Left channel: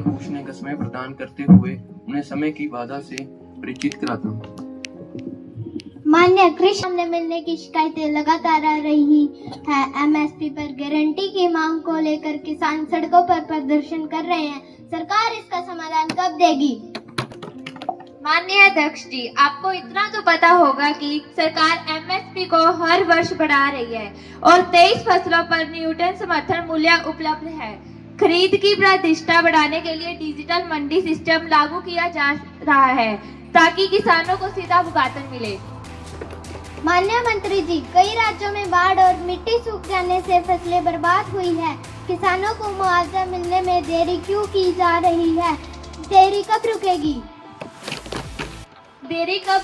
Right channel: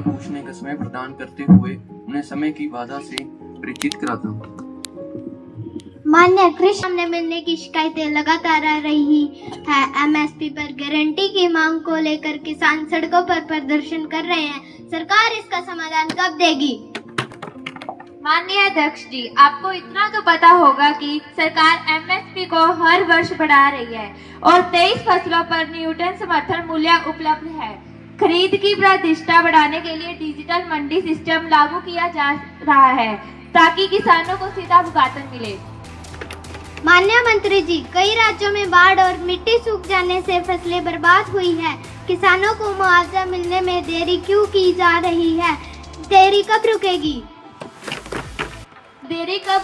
पूछने का समय प्रदान करते हुए उन्हें समय की बाधा से परिचित कराता हूँ। मान्य कृषि न मिलने की शिकायतें लगातार आ रही है। एमएसपी पर गारंटी की मांग को लेकर किसान सड़कों पर प्रदर्शन कर रहे हैं। सरकार इसका समाधान कब देगी? माननीय अध्यक्ष जी, आपको इतना तो पता होगा कि सरकार एमएसपी को हर वर्ष बढ़ा रही है और 23 फसलों पर न्यूनतम समर्थन मूल्य उपलब्ध है। खरीद की प्रतिष्ठा बढ़ाने के लिए डिजिटल मंडी सिस्टम लागू किया जा रहा है ताकि किसानों को सीधा भुगतान मिले। माननीय मंत्री जी, कई राज्यों में बाढ़ और मिट्टी सूख जाने से फसलें बर्बाद हुई हैं। किसानों को मुआवजा मिलने में देरी क्यों की जा रही है? देरी कब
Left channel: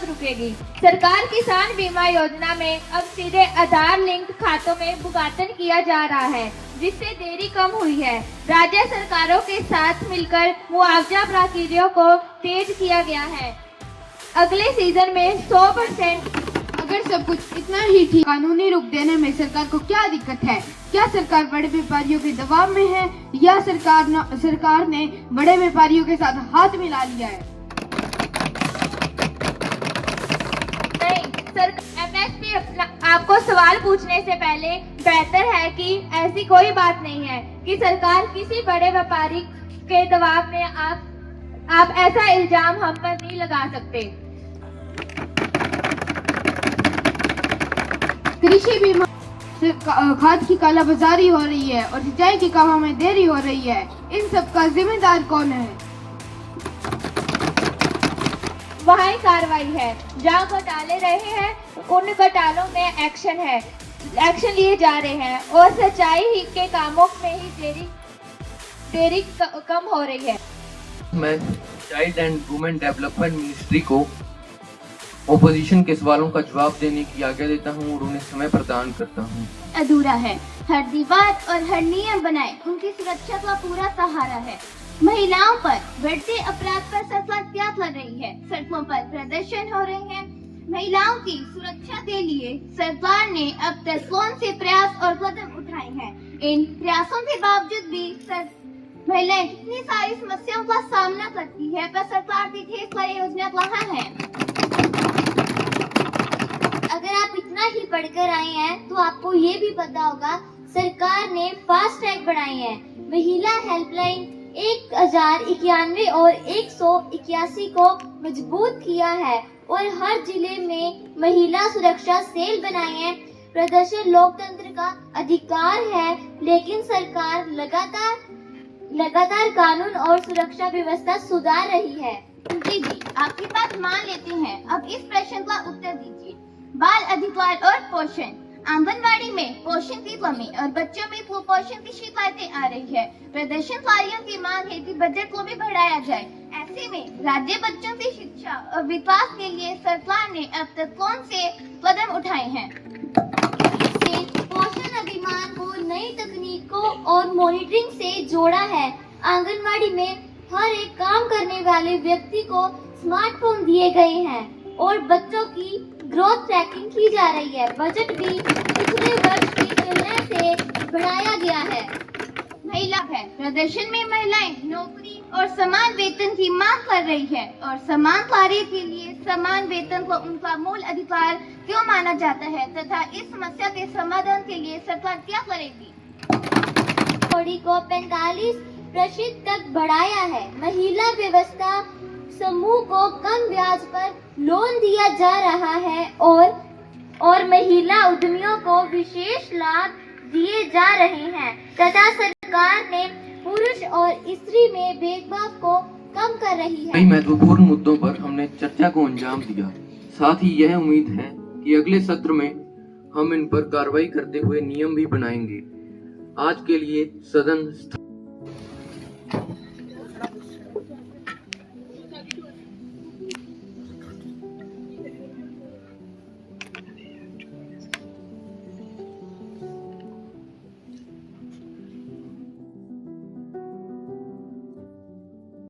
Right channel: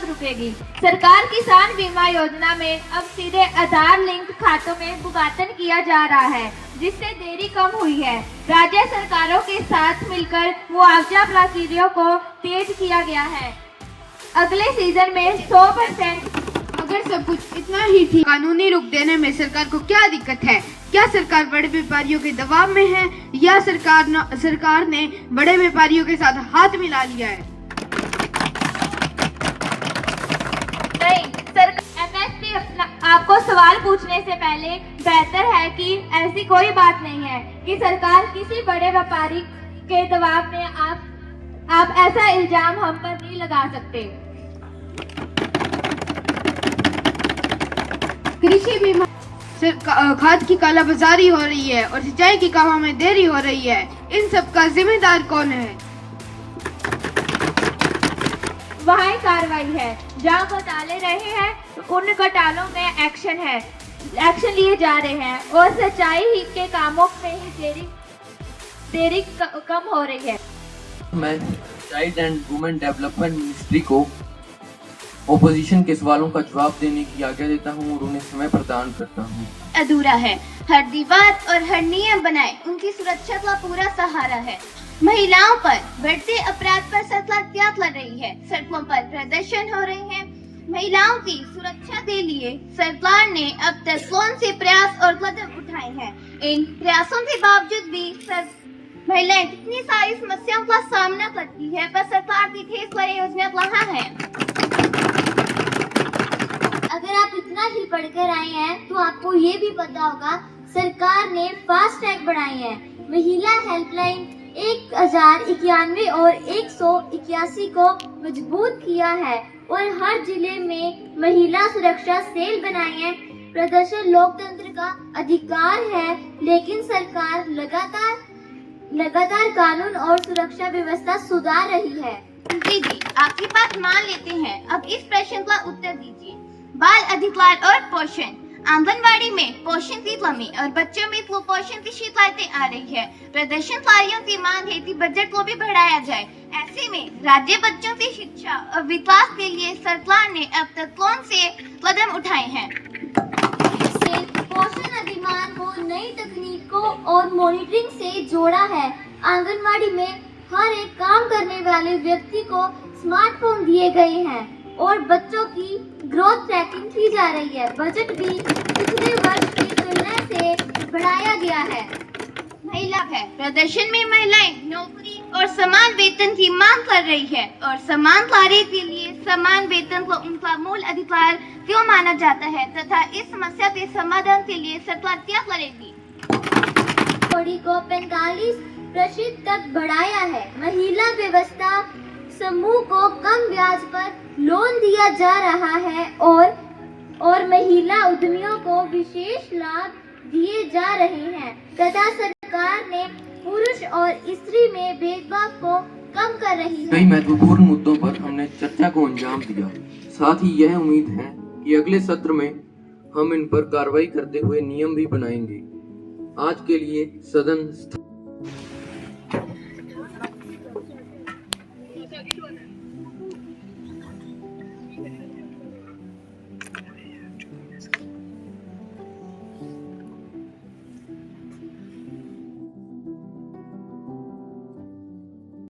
रुकेगी? सरकार किसान बीमा योजना में अब सीधे आधार लिंक खातों में भुगतान किया जा रहा है, जिससे देरी कम हुई है। राज्य सरकारों के साथ मिलकर मुआवजा प्रक्रिया को तेज किया गया है। अगले सीजन में 100%। अगर सब कुछ इतना ही ठीक, कानूनी रुख देने में सरकार को क्या दिक्कत है? क्या सरकार बड़े व्यापारियों के दबाव में है या सरकार ने बड़े व्यापारियों के साथ हाथ मिला लिया है? एमएसपी आपको सवाल पूछने से पहले बेहतर है कि ऐसी कोई बात नहीं है कि सरकार किसी बड़े व्यापारी के दबाव में आप ऐसा इल्जाम हम पर नहीं लगा सकते। कृषि बीमा खाद की कालाबाजारी हो रही है और सिंचाई के कामों में देरी हो रही है। इन सब का जिम्मेदार कौन है? वहाँ कार्रवाई है। जहाँ घोटाले रहे हैं उन घोटालों में एक्शन लिए जा रहे हैं और सच्चाई के कामों में ही देरी कम हो रही है। मैं child and women development ministry को ओपोजिशन के सवालों का जवाब देने की आज्ञा देता हूं और उन्हें समय प्रदान करता हूं। अधूरा है। हर दीवार और हर नियम बनाए उनकी सुरक्षा का पूरा सहारा है। महिलाओं पर बढ़ते अपराध पर सरकार क्या कर रही है? सड़कों पर प्रदर्शन हो रहे हैं। महिलाओं की सुरक्षा के लिए सरकार ने अब तक कौन से प्रयास और कदम उठाए हैं? इन प्रयासों के बावजूद भी महिलाएं कितनी सारी समस्याओं का सामना करती है, पर सरकार की ढेर सारी योजना कहाँ है? अगर आप इतना ही पढ़कर आए हैं तो आपको ये भी पता होगा सरकार ने फास्ट ट्रैक बढ़ाए हैं। महिला हेल्पलाइन 1091 और 181 को मजबूत किया है और हर जिले में महिला सुरक्षा सेल बनाए हैं। प्रदर्शन लोकतंत्र का अधिकार है, लेकिन सरकार लगातार कानून और सुरक्षा व्यवस्था सुधार रही है। जी, आपकी बात मान लेते हैं। अब इस प्रश्न का उत्तर दीजिए। बाल अधिकार और पोषण। आंगनवाड़ी में पोषण की कमी और बच्चों में कुपोषण की शिकायतें आ रही है। प्रदर्शनकारियों की मांग है कि बजट को भी बढ़ाया जाए। ऐसे में राज्य बच्चों की शिक्षा और विकास के लिए सरकार ने अब तक कौन से कदम उठाए हैं? पोषण अधिनियम को नई तकनीकों और मॉनिटरिंग से जोड़ा है। आंगनवाड़ी में हर एक काम करने वाले व्यक्ति को स्मार्टफोन दिए गए हैं और बच्चों की ग्रोथ ट्रैकिंग की जा रही है। बजट भी पिछले वर्ष की तुलना से बढ़ाया गया है। महिला है। प्रदर्शन में महिलाएं नौकरी और समान वेतन की मांग कर रही है और समान कार्य के लिए समान वेतन को उनका मूल अधिकार क्यों माना जाता है तथा इस समस्या के समाधान के लिए सरकार क्या करेगी? कौड़ी को 45% तक बढ़ाया है। महिला व्यवस्था समूह को कम ब्याज पर लोन दिया जा रहा है और महिला उद्यमियों को विशेष लाभ दिए जा रहे हैं तथा सरकार ने पुरुष और स्त्री में भेदभाव को कम कर रही है। कई महत्वपूर्ण मुद्दों पर हमने चर्चा को अंजाम दिया। साथ ही यह उम्मीद है कि अगले सत्र में हम इन पर कार्रवाई करते हुए नियम भी बनाएंगे। आज के लिए सदन